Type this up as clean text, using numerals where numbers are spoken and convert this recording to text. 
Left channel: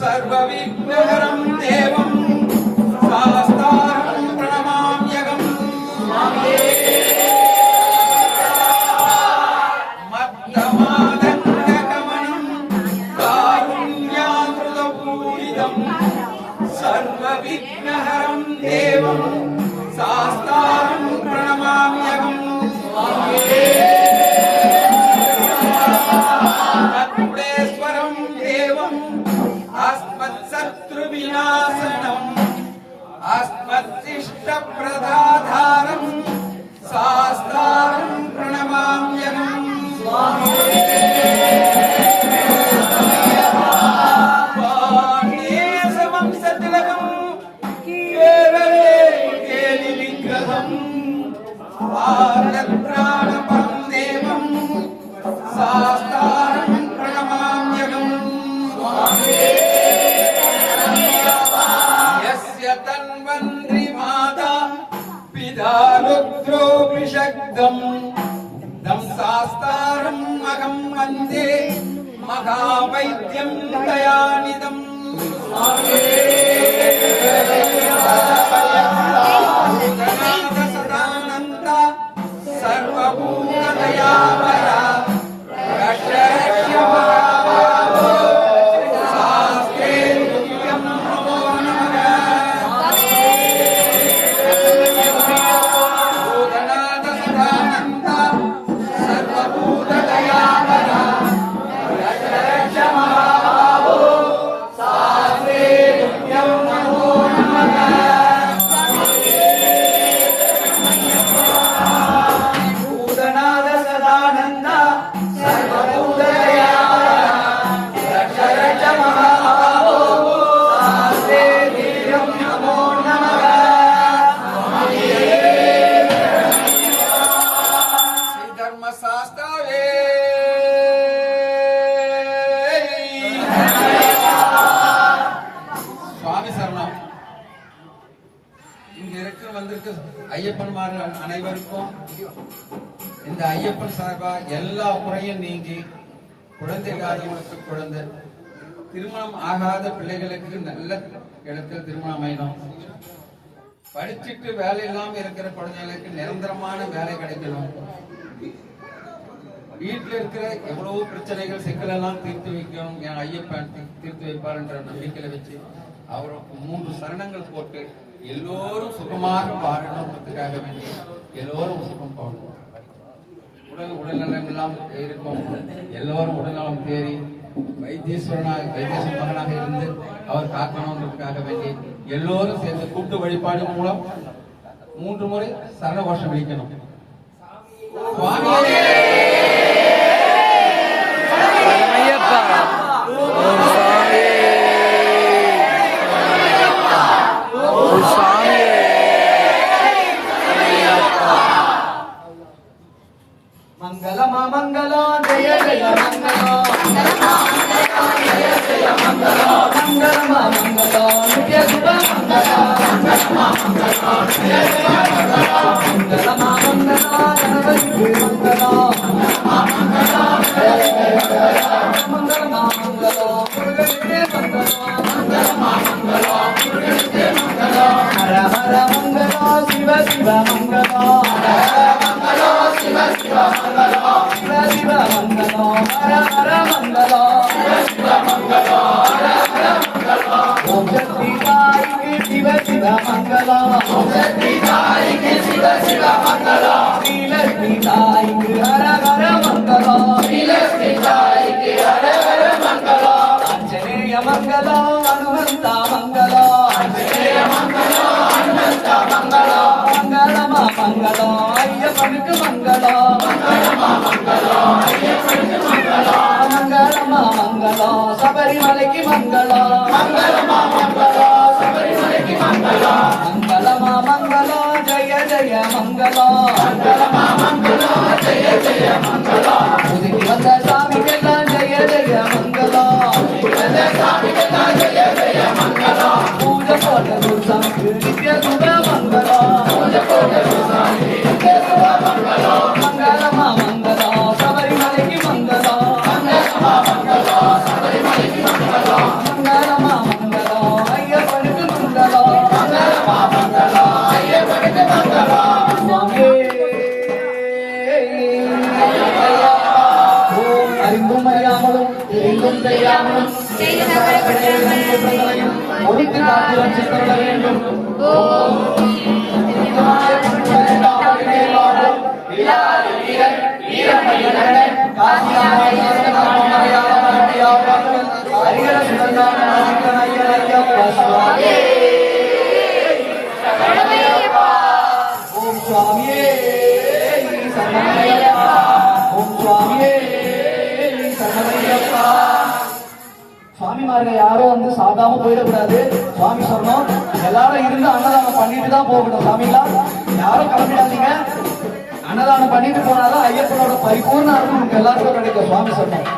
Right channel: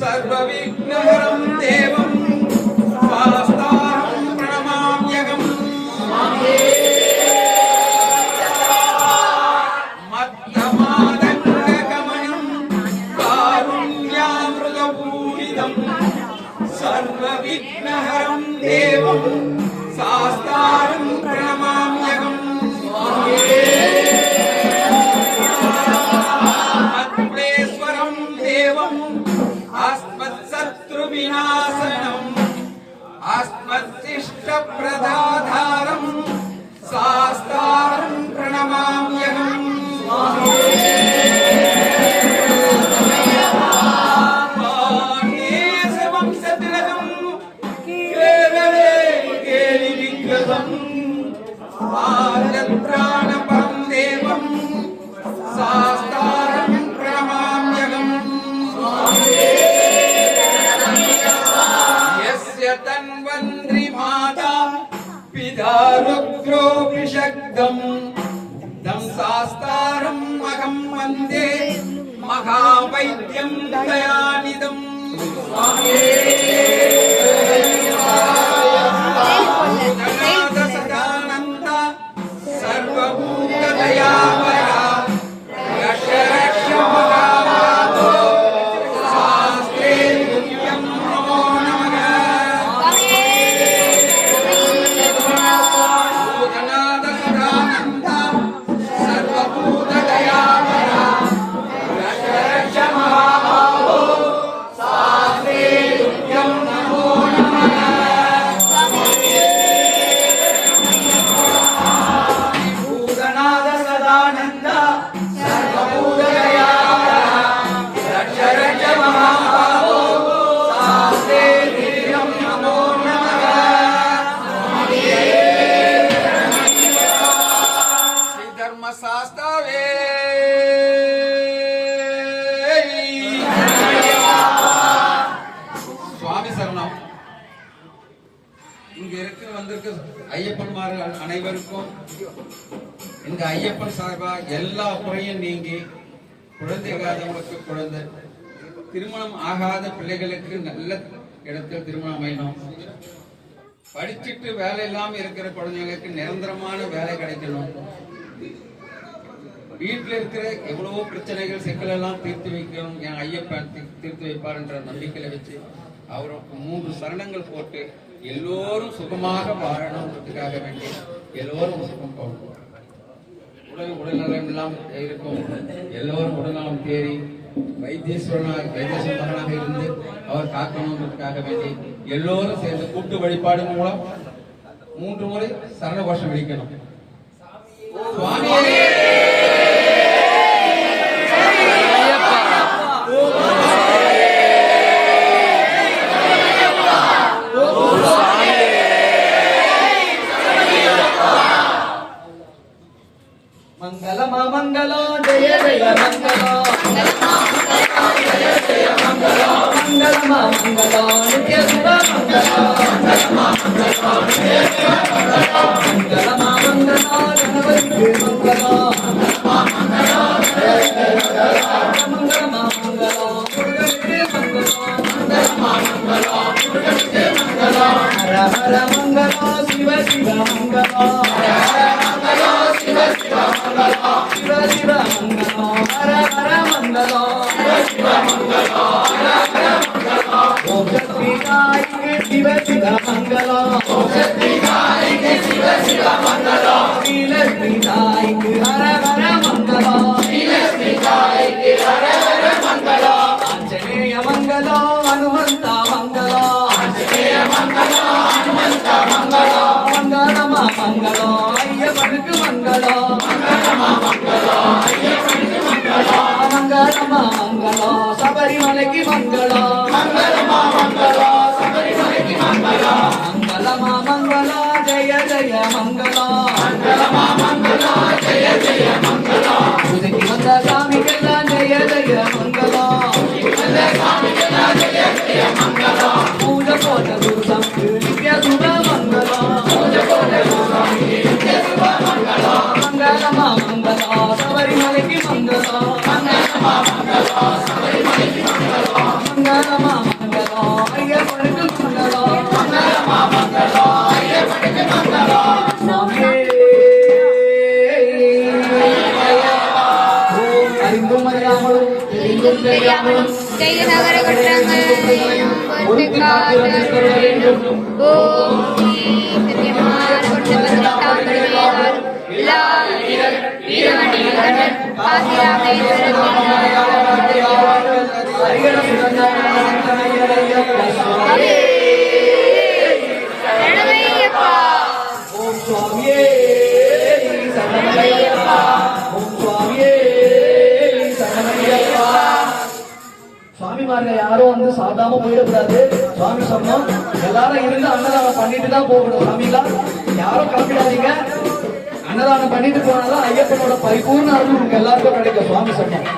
सर्वविघ्नहरं देवं शास्तारं प्रणमाम्यहम् मत्तमादङ्गकमनं कारुण्यामृतपूरितं सर्वविघ्नहरं देवं शास्तारं प्रणमाम्यहम् अस्मत्शिष्टप्रदाधारं शास्तारं प्रणमाम्यहम् वंशतिलकं केवले केलिविग्रहम् आर्यत्राणपरं देवं शास्तारं प्रणमाम्यहम् तन्वन्त्री माता पिता रुद्रोऽभिषग्धं तं शास्तारम् अहं वन्दे महावैद्यं दयानिधम् सदानन्द सर्वभूतदयामया ஐயப்பன்மார்கள் அனைவருக்கும் இந்த ஐயப்பன் சார்பா எல்லா குறையும் நீங்கி குழந்தை காதவங்களுக்கு குழந்தை திருமணம் ஆகாத பிள்ளைகளுக்கு நல்ல இடத்தில் திருமணம் அமையணும். படிச்சுட்டு வேலை இல்லாம இருக்கிற குழந்தைகளுக்கு நிரந்தரமான வேலை கிடைக்கணும். வீட்டில் இருக்கிற எவ்வளவோ பிரச்சனைகள் சிக்கல் எல்லாம் தீர்த்து வைக்கணும். என் ஐயப்பன் தீர்த்து வைப்பார் என்ற நம்பிக்கையில வச்சு அவருக்கு 3 சரணங்கள் போட்டு எல்லோரும் சுகமாக வாழணும்ன்றதுக்காக வேண்டி எல்லோரும் சுகம் போகணும். உடல்நலம் இல்லாமல் இருக்கும் எல்லோரும் உடல்நலம் தேறி வைத்தீஸ்வர மகனாக இருந்து அவர் காக்கணும்ன்றதுக்காக வேண்டி எல்லோரும் சேர்ந்து கூட்டு வழிபாடு மூலம் 3 முறை சரண கோஷம் விழிக்கணும். मंगलो जय जय मंगलो मंगलो नित्य शुभ मंगलो मंगलो गणपति मंगलो ஐயப்பனுக்கு மங்களம் மங்களமா மங்களம் சபரிமலைக்கு மங்களம் மங்களமா மங்களம் ஜெய ஜெய மங்களம் உதவி வந்த சாமிக்கெல்லாம் ஜெய ஜெய மங்களம் பூஜை போட்ட குருசம் நித்ய சுட மங்களம் மங்களமா மங்களம் சபரிமலைக்கு மங்களம் மங்களமா மங்களம் ஐயப்பனுக்கு மங்களம் சுவாமியே ஓம் அறிந்தும் அறியாமலும் தெரிந்தும் தெரியாமலும் ஒழித்து காத்திரம் சித்தர வேண்டும் ஓம் ஓம் சுவாமியே சரணமையப்பா ஓம் சுவாமியே சரணமையப்பா. சுவாமிமார்கள் யாரும் வந்து சாப்பிடாம போயிடக்கூடாது. சுவாமி சொன்னோம் எல்லாரும் இருந்து அன்னதானம் பண்ணிட்டு தான் போகணும். சாமிங்களா யாரும் கிளம்பிடாதீங்க. அன்னதானம் பண்ணிட்டு போனாதான் ஐயப்பனோட பரிபூர்ண அருள் உங்களுக்கு எல்லாருக்கும் கிடைக்கும். சுவாமி சொன்னோம்.